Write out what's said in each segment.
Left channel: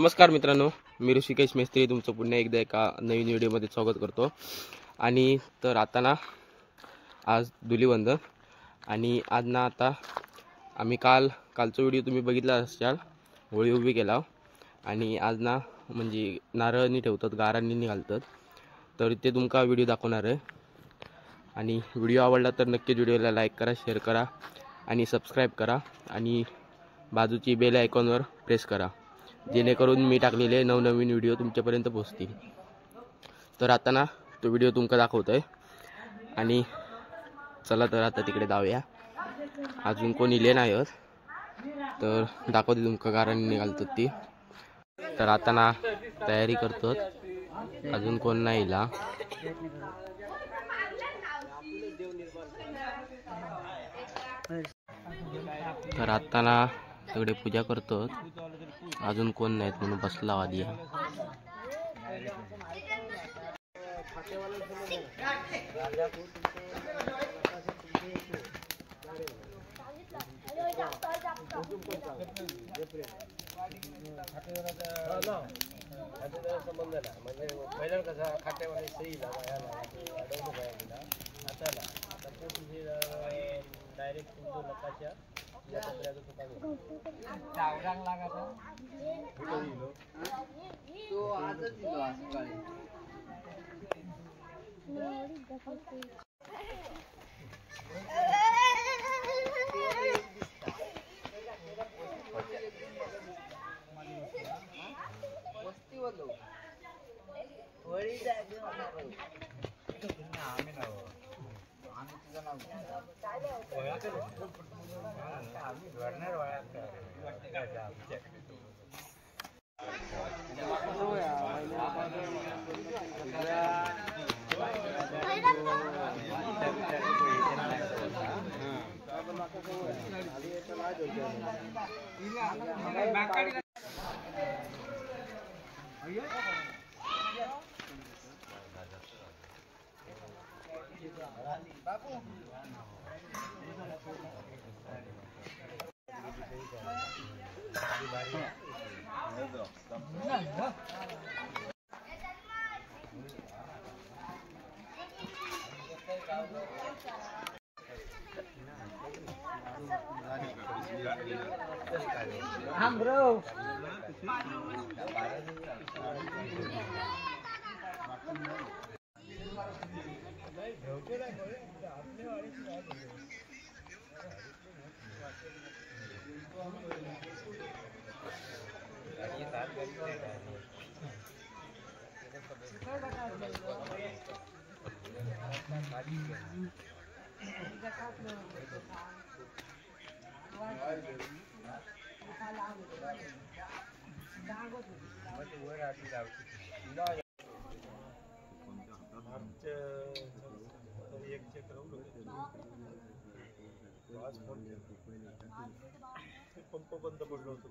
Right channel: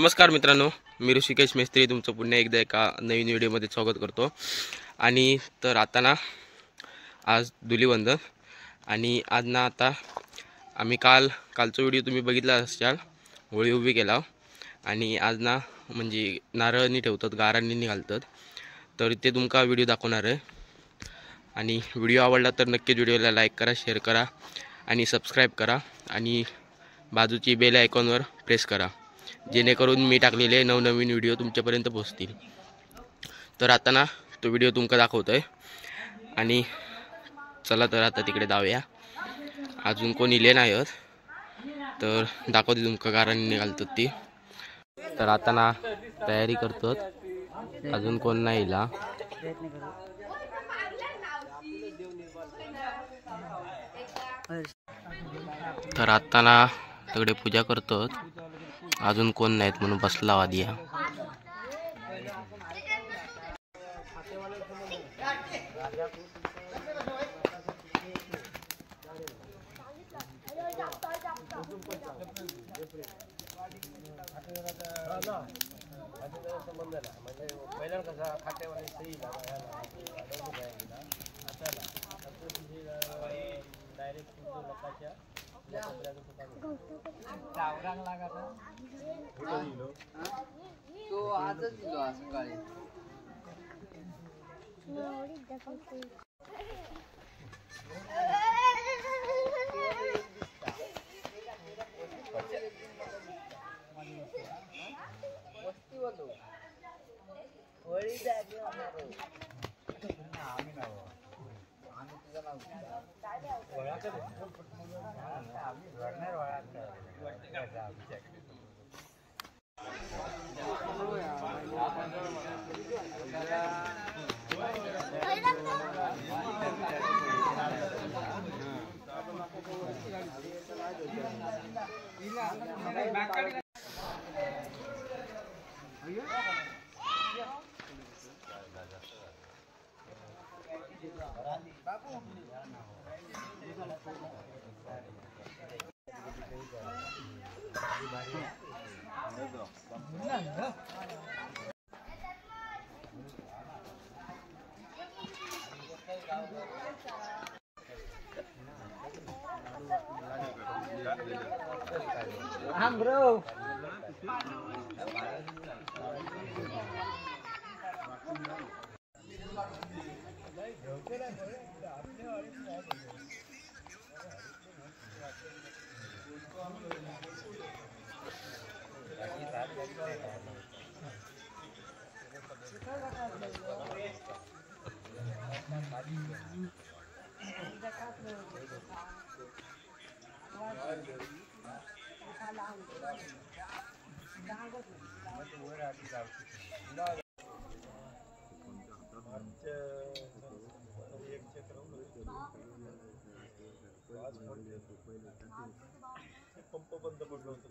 नमस्कार मित्रांनो, मी ऋषिकेश मेस्त्री तुमचं पुन्हा एकदा एका नवीन व्हिडिओमध्ये स्वागत करतो। आणि तर आता ना आज धुलीवंदन आणि आज ना आता आम्ही कालचा व्हिडिओ तुम्ही बघितला असाल, होळी उभी केला आणि आज ना म्हणजे नारळनी ठेवतात, गारांनी घालतात, तर ते तुमका व्हिडिओ दाखवणार आहे। आणि व्हिडिओ आवडला तर नक्की व्हिडिओला लाईक करा, शेअर करा आणि सबस्क्राईब करा आणि बाजूची बेल आयकॉनवर प्रेस करा, जेणेकरून मी टाकलेले नवनवीन व्हिडिओ तुमच्यापर्यंत पोहोचतील। तर आता ना तो व्हिडिओ तुमका दाखवतोय आणि चला तर आता तिकडे जाऊया। अजून कोण इले नाही आहेत तर दाखवते तुमका गारांनी घालतात ती। तर आता ना तयारी करतात, अजून कोण नाही इला। तर आता ना सगळे पूजा करतात, अजून कोण नाहीत म्हणून बसला आदिया। Bro. पंप बंद पडलो होतो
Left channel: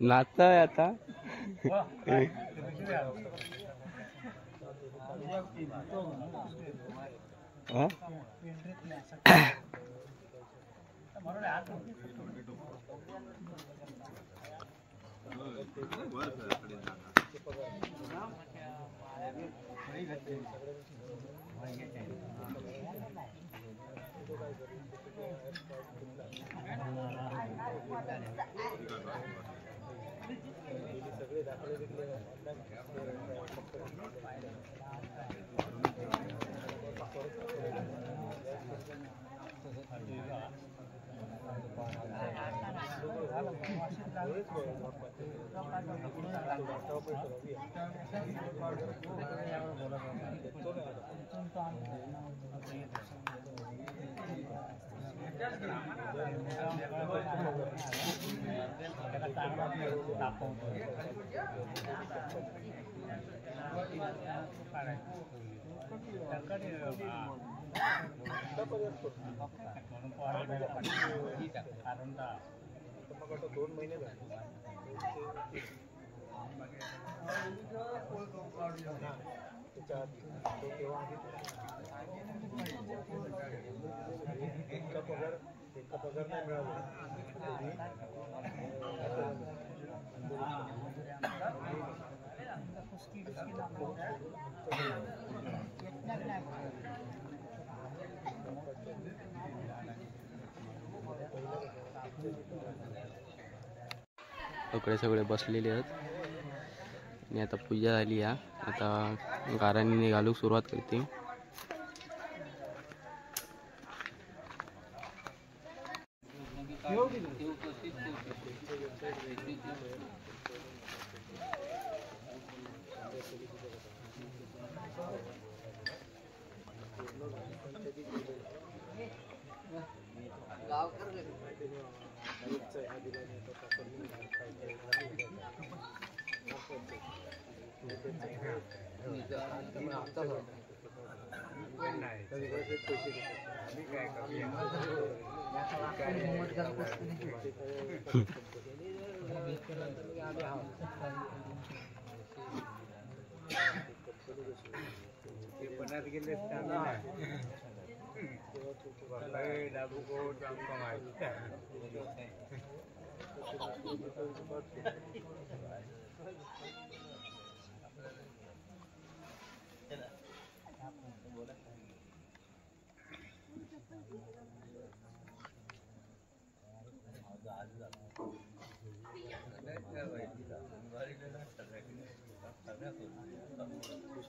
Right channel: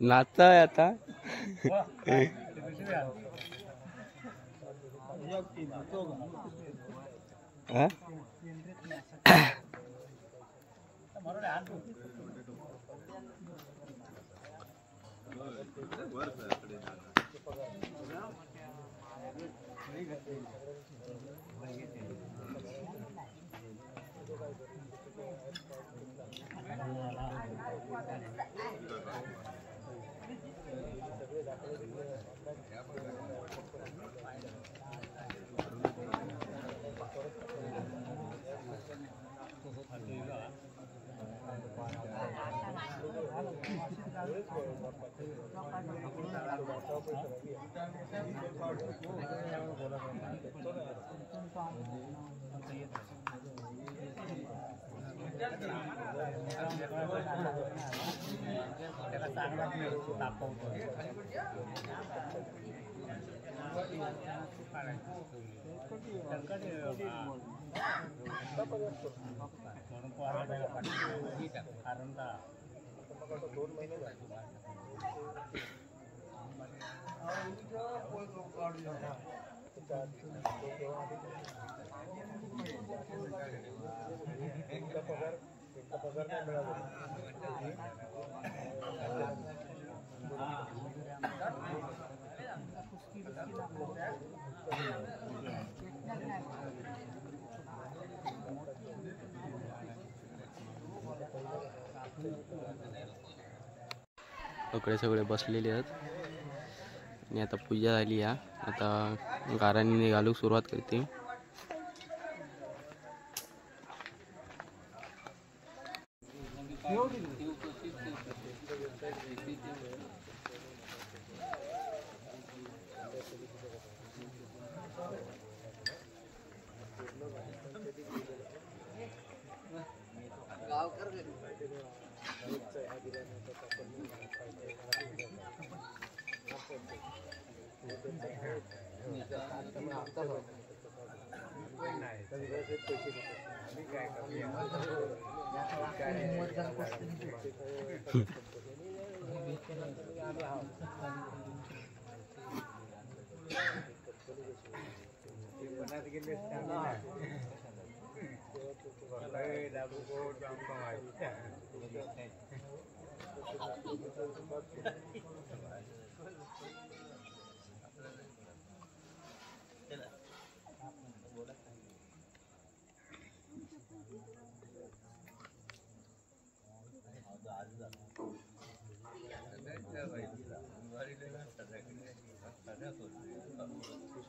नाचताय आता सगळे सगळे बसलेले आहेत आणि आता पूजा झाली आहे. आता गाराणी घालूक सुरुवात करते.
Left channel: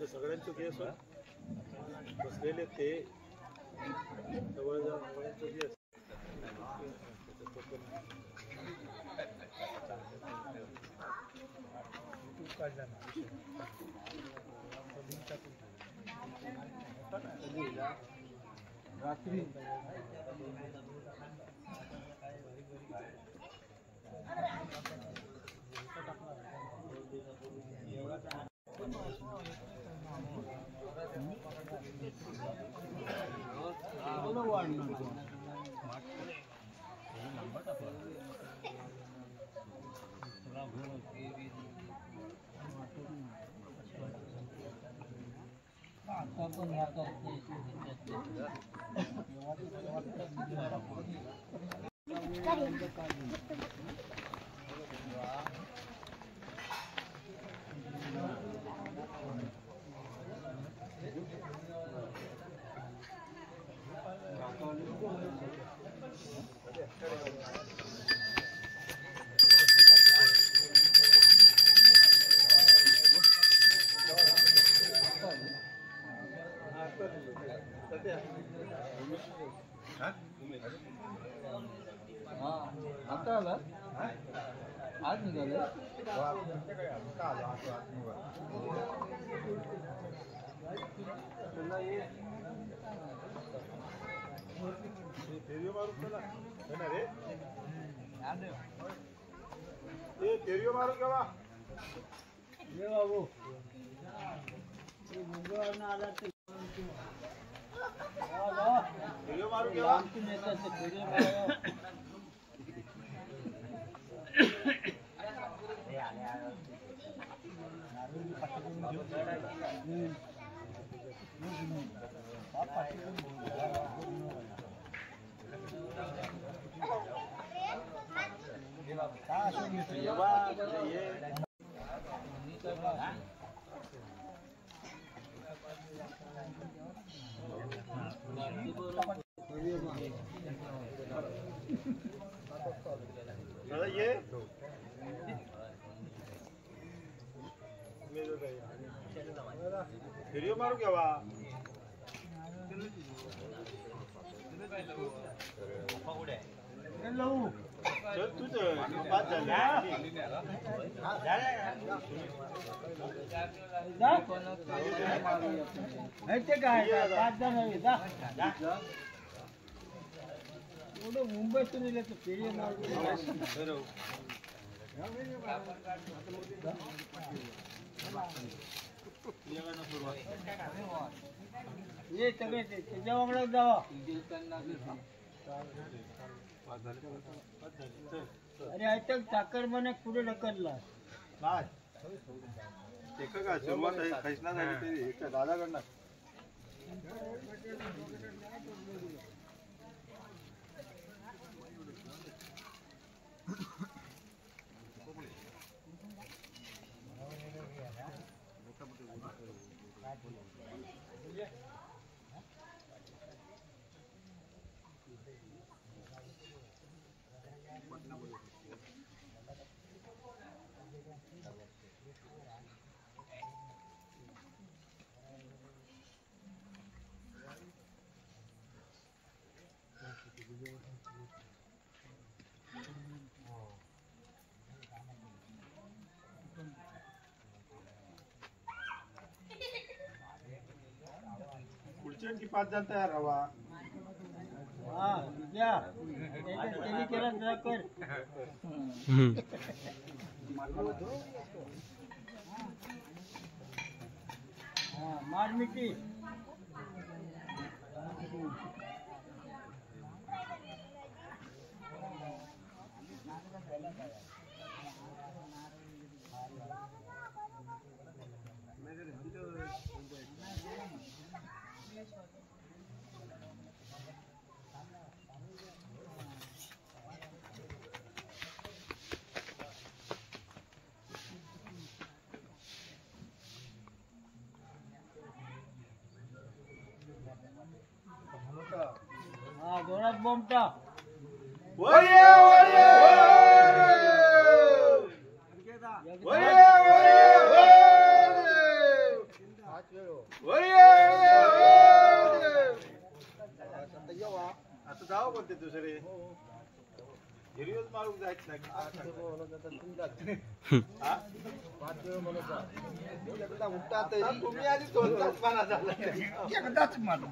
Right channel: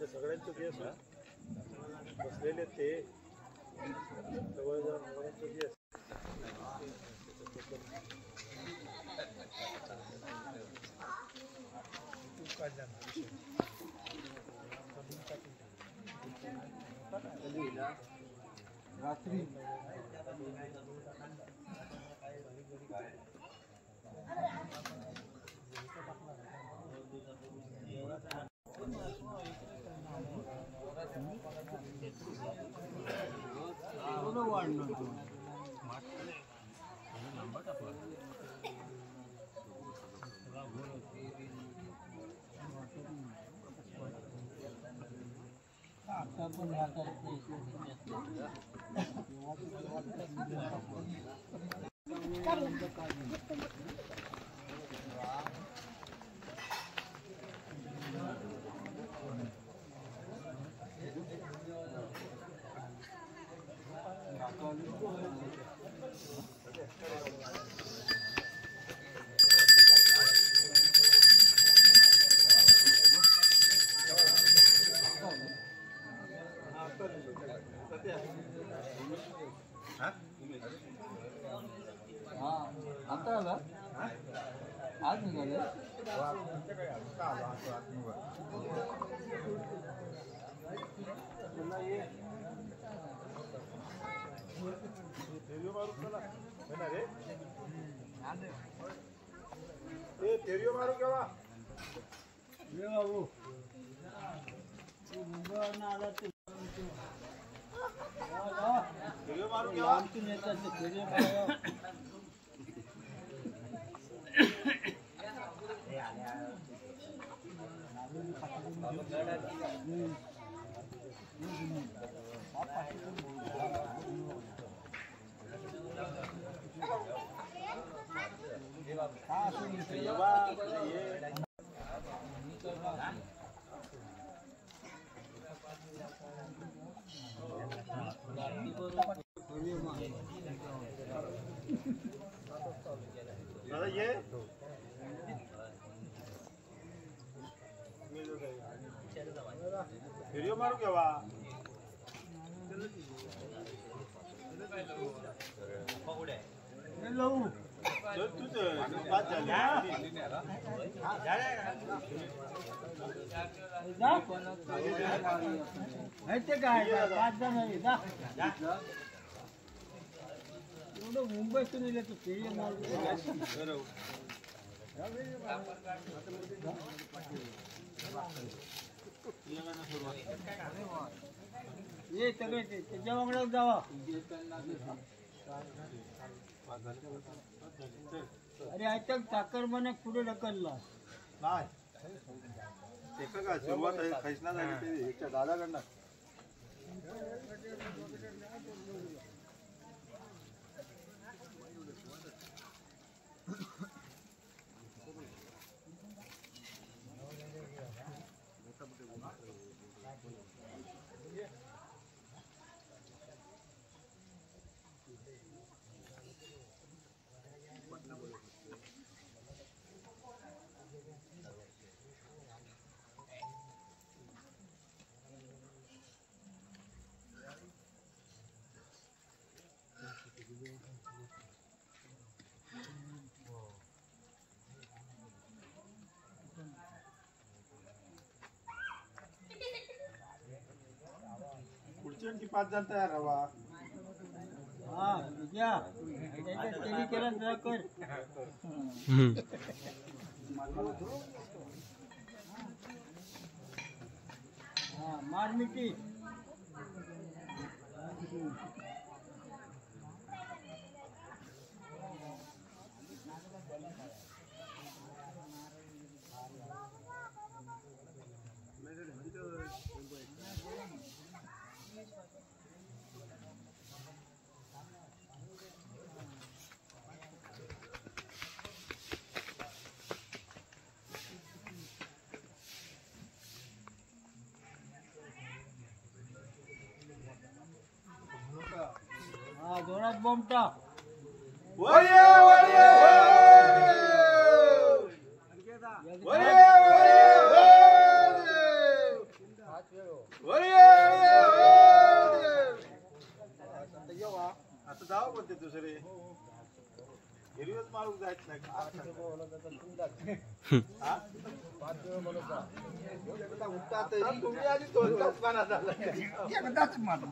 सगळ्यांचे केस बसलेले ते जवळ जाऊन सगळ्यांचे केस रात्री पण या करते आज निघाले मारू केव्हा बाबू मारू केव्हा पाठी येवा ये दादा ये व्हिडिओ मारू केव्हा चल तूच पाच झाले मुंबईतून येले तर फेरी मारून ये सगळे त्याच्या वगैरे जावा अरे ऐकत चाकर म्हणे पुढे ढकलला नाही ते का सुरुवात आहे खैसना झाली ते दादाकडनं पुढची आणखी 5 जण तयार हवा हा विजया त्याने केला जरा कर हा मार मिठी हा जोरात बॉम्ब टाक वरिये वरिये वरिये वरिये आता जाऊ कोणते दुसरे हिरवीच मारून जायच नाही तुम्ही आधी कोणताच पाना झाला एकदाच मारू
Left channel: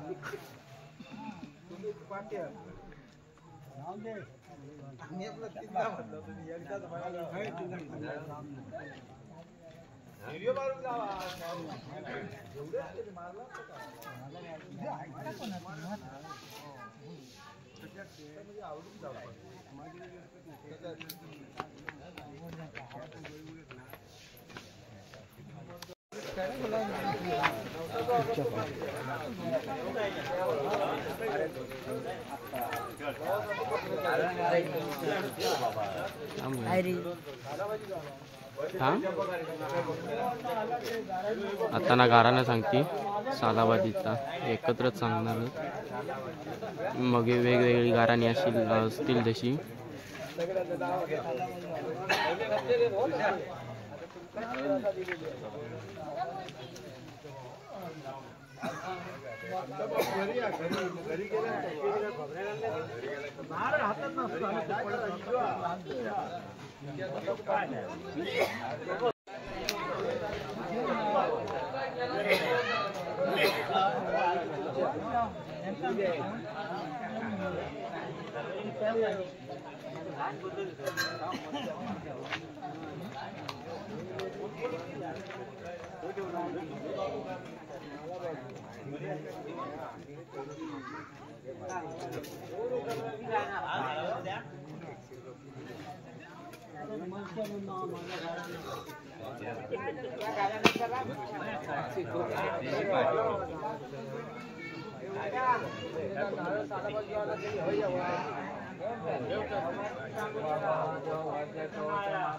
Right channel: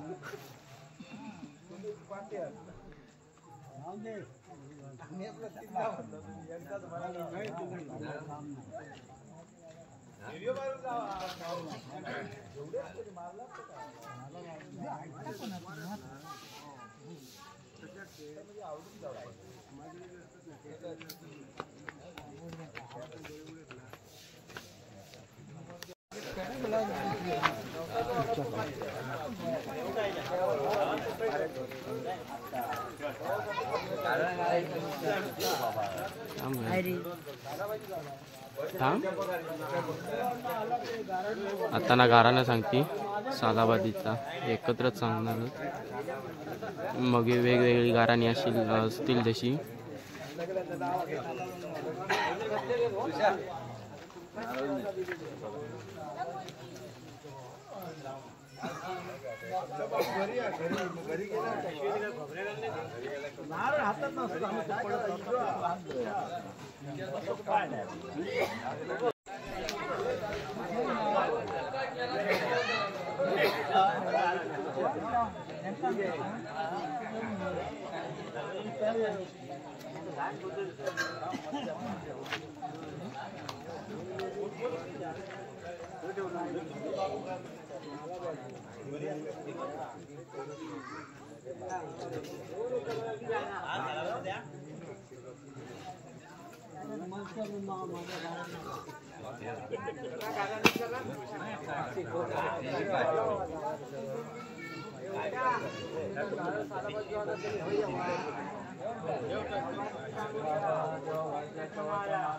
आता ना गारानं सांगती सालाबादीचा एकत्रच सांगणार मग वेगवेगळी गाराणी असतील जशी घरी गेला नारळ हातात नसतो काय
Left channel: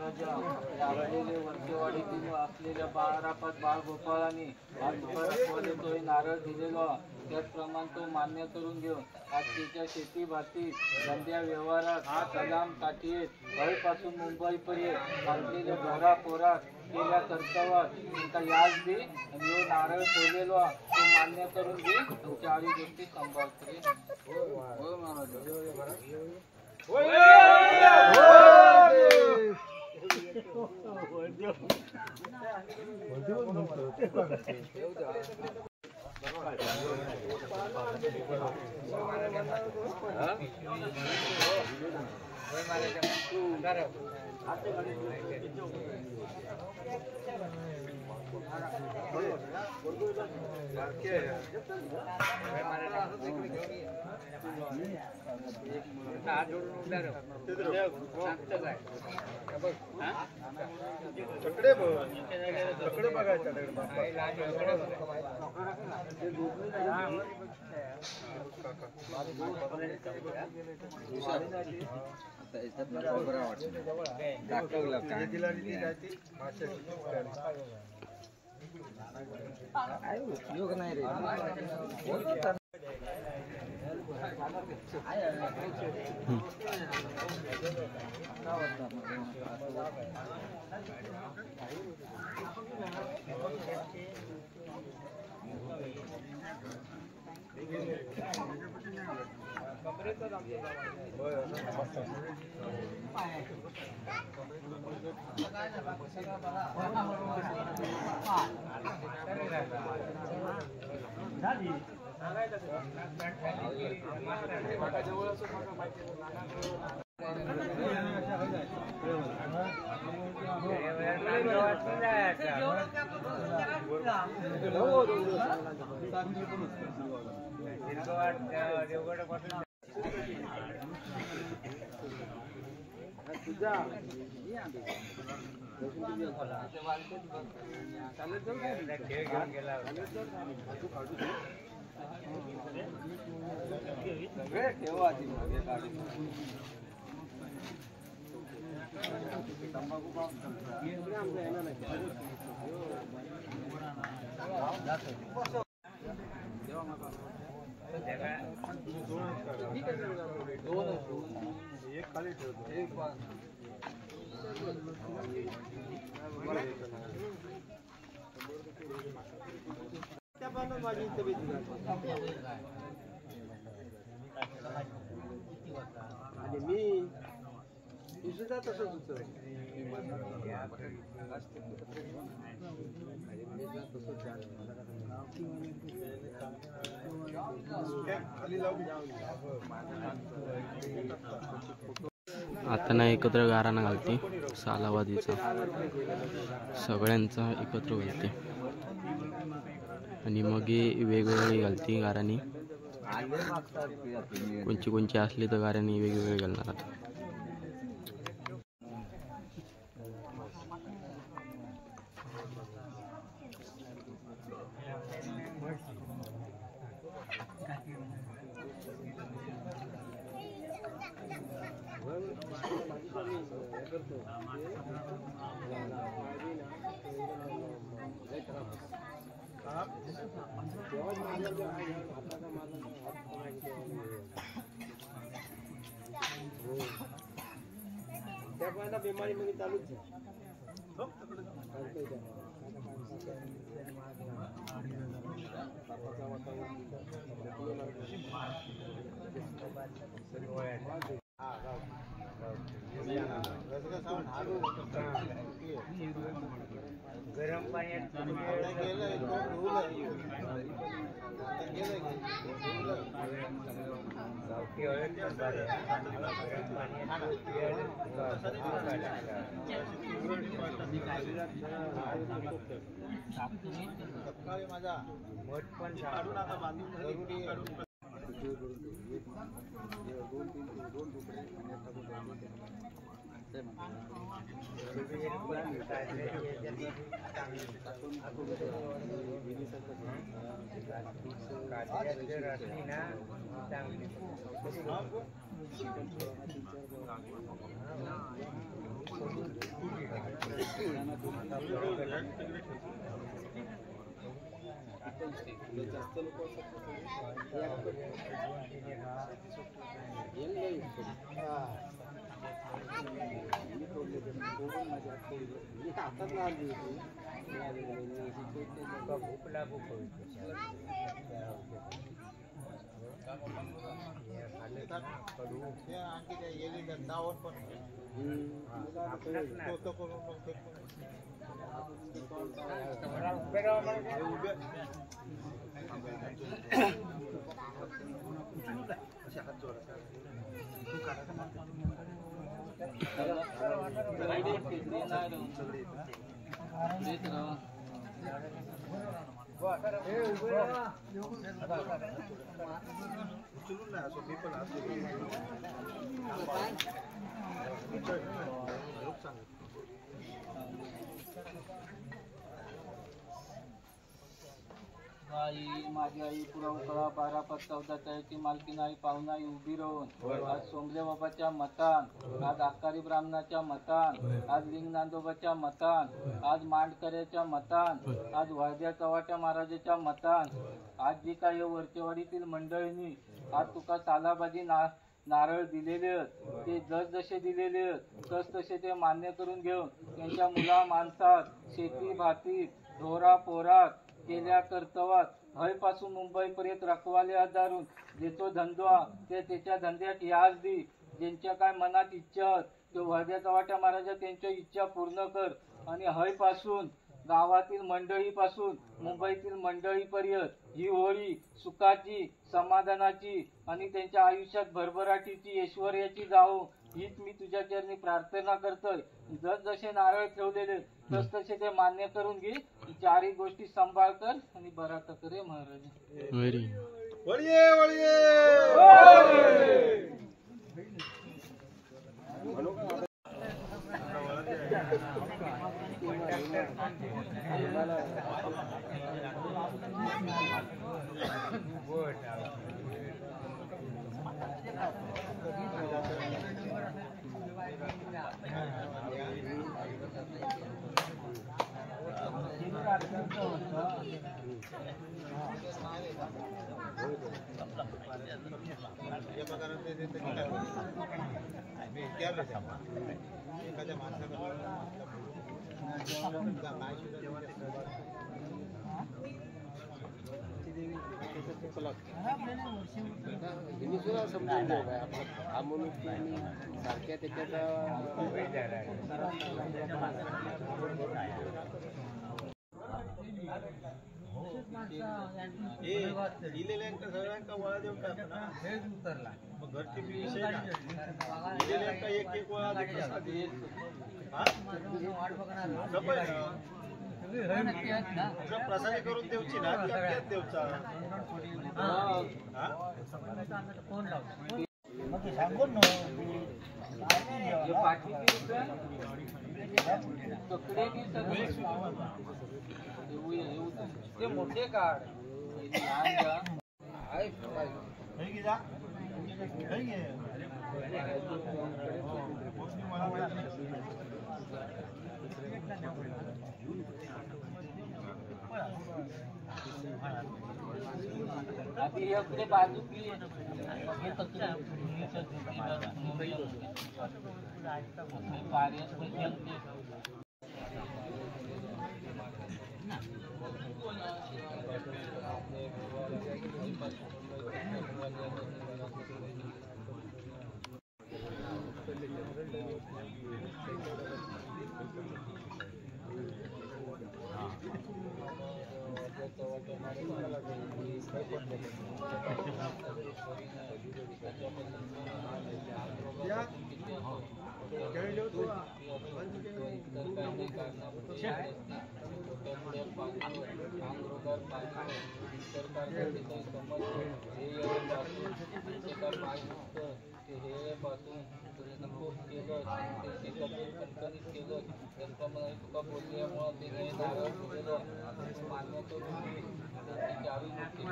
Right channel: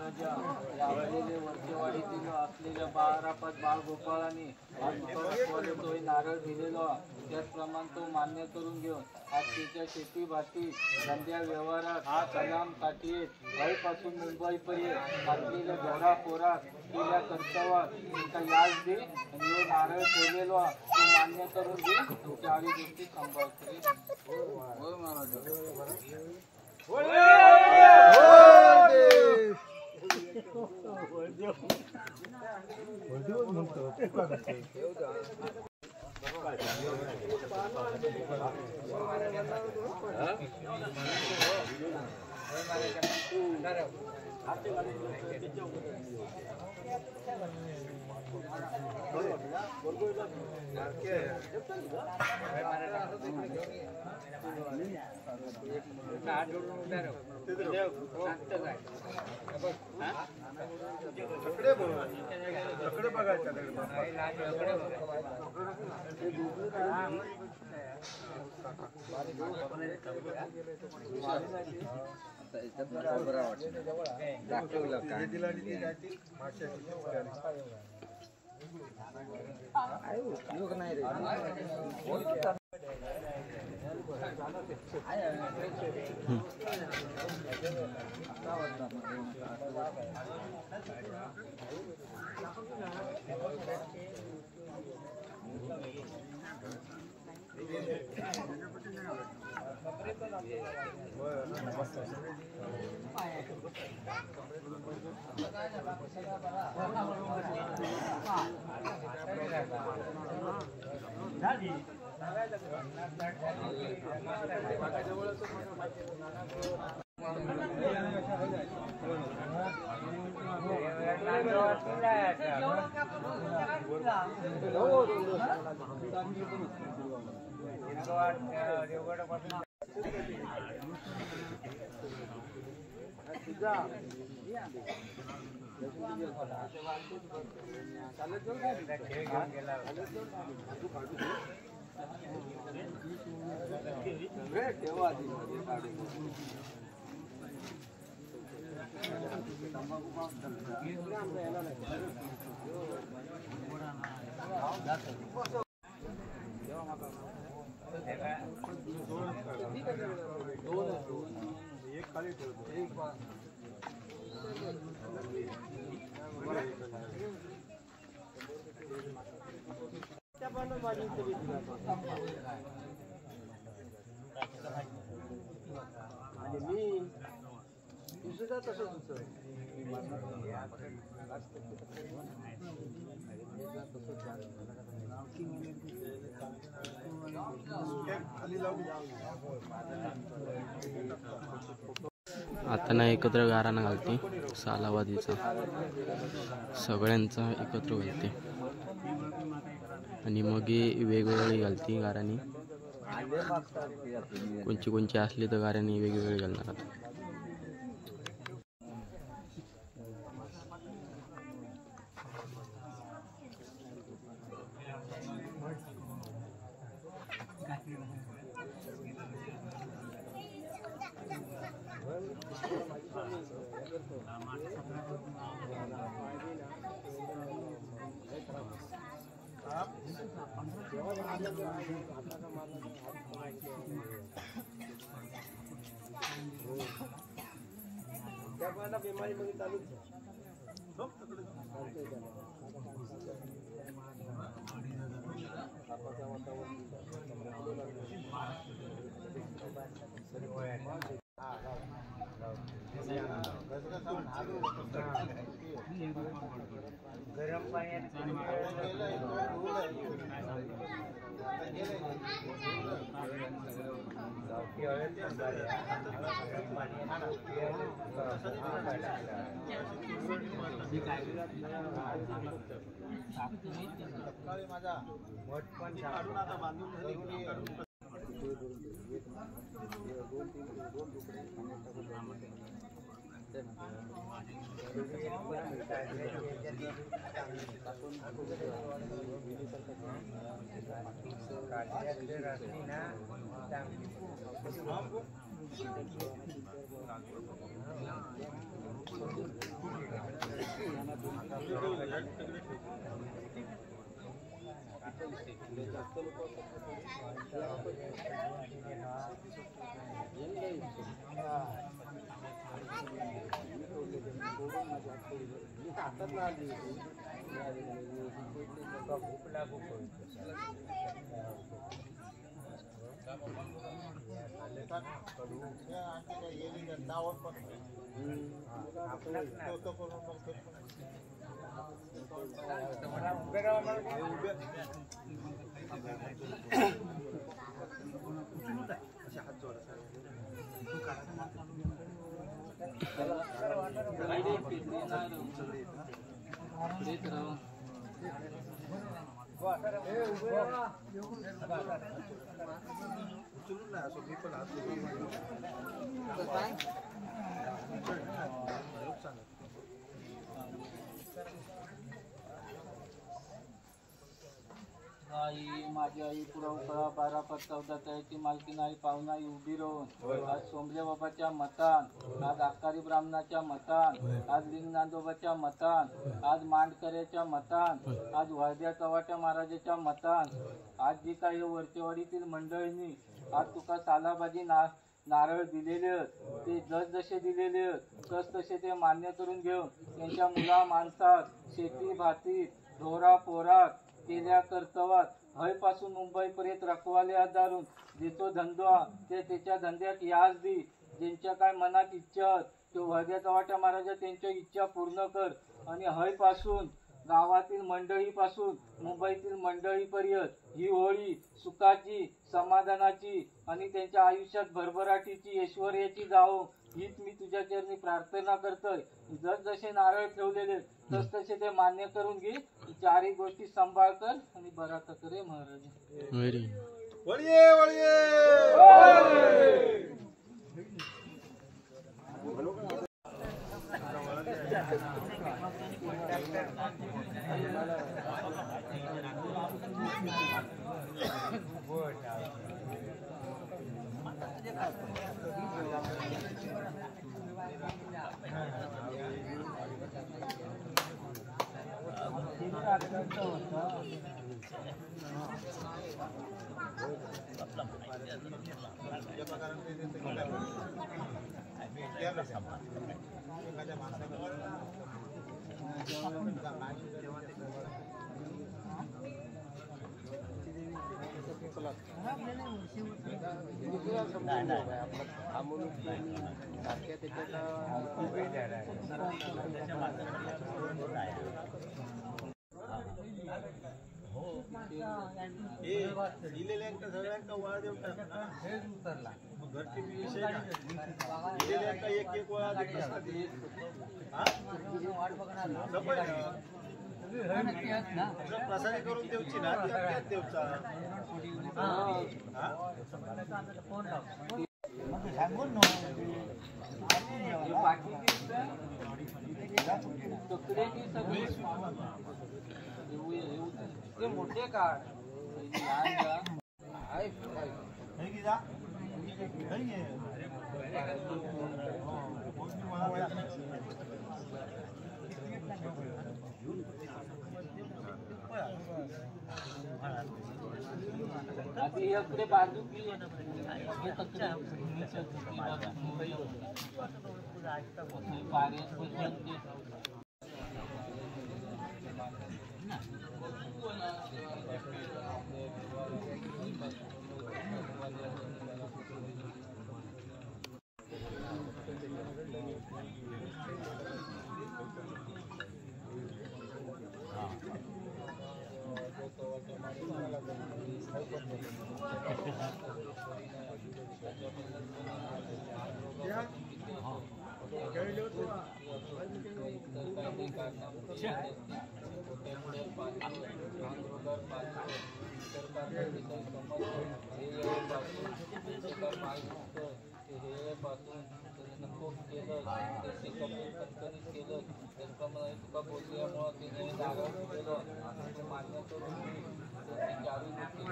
लाभलेले वर्षेवाडीतील असलेल्या बाळारापात बाळगोपाळांनी हा तुकारामवाले तोही नारळ दिलेला त्याचप्रमाणे तो मान्य करून घेऊन आज तिच्या शेती भाती धंद्या व्यवहारात सलाम काठीत गावपासून मुंबईपर्यंत घातलेल्या ढोरा पोरात केल्या कर्तव्यात तुमचा याद दे आणि यो नारळ ठेवलेलो तो मान्य करून घे आणि चारी गोष्टी सांभाळते. तकडे बघायचा एक खाली ठेवतो एक आणि मी सुद्धा तसंच होतं खाली लावून आता ना एकत्र गाराणा घालते सालावादीचा सगळ्यांचा एकत्र घालते आणि मग हे वेगवेगळी घालते गाराणी कोणची असली तर गाराणी वेगवेगळी घालणार आता. बिमारी मध्ये चालूच गरम पाण्यात काढून आता बांधून झाली काढून हमको उचलून नाही असो मी पण असतो आई माझी आई पुरा उकळा 12-14 तयाची मालकीन आई पाहुणा आई उभी राहून आज सोमले बाबाच्या मतान, आज आकारी ब्राह्मणाच्या मतान, आज लिंग नांदोबाच्या मतान, आज मांडकऱ्याच्या मतान, आज वाद्या चव्हाट्या महाराजाच्या मतान, आज जी काही वरचेवाडीतील मंडळींनी आज तुका सालाबादी नारळ दिलेले आहेत ते जसे दिलेले आहेत तसे ते मान्य करून घेऊन त्यांच्या मुला माणसात शेती भाती ढोरा पोरात केल्या कर्तवात हयपासून मुंबईपर्यंत रखवाले आधारून देतो धंदा ते त्याच्या धंद्यात याज दी ज्यांच्या काय मनात इच्छा ते वाद्या चव्हाट्या महाराजा त्यांच्या इच्छा पूर्ण कर आणि हयपासून गावातील मंडळीपासून मुंबईतील मंडळीपर्यंत ही होळी सुखाची समाधानाची आणि त्यांच्या आयुष्यात भरभराटीची ऐश्वर्याची जावो हीच मी तुझ्या चरणी प्रार्थना करतोय. जसे नारळ ठेवलेले तसे ते मान्य करून घे. चारही गोष्टी सांभाळ कर आणि बरा करे महाराज. वळिये वळिये दिलेल्यांका सगळ्यांका वळा देऊन टाक ना मग घरची विषय नाही दिलेल्यांका एक एक वळा दे कसा दे हा सपय ना प्रसादी करून देऊची ना ती अख्यात देऊचा हा मग सांगून मोठे काढ अभी अपने बाजू की मगे तकरे दुसरी बाजू मुंबई कार्य त्याचप्रमाणे तुका बोलल्यामुळे तिने नारळ दिलेलं तू मान्य करून चारही गोष्टी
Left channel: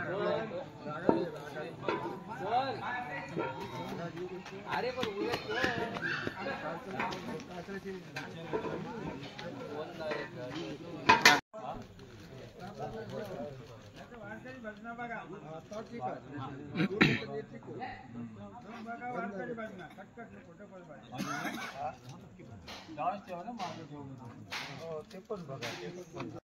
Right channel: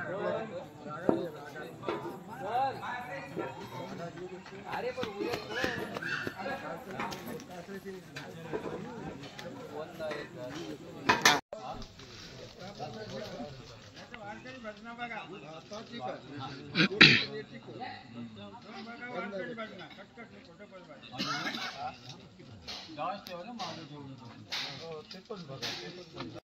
जास्त ठेवा ना मागे ठेवलं तर. ते पण बघा, ते पण बघा.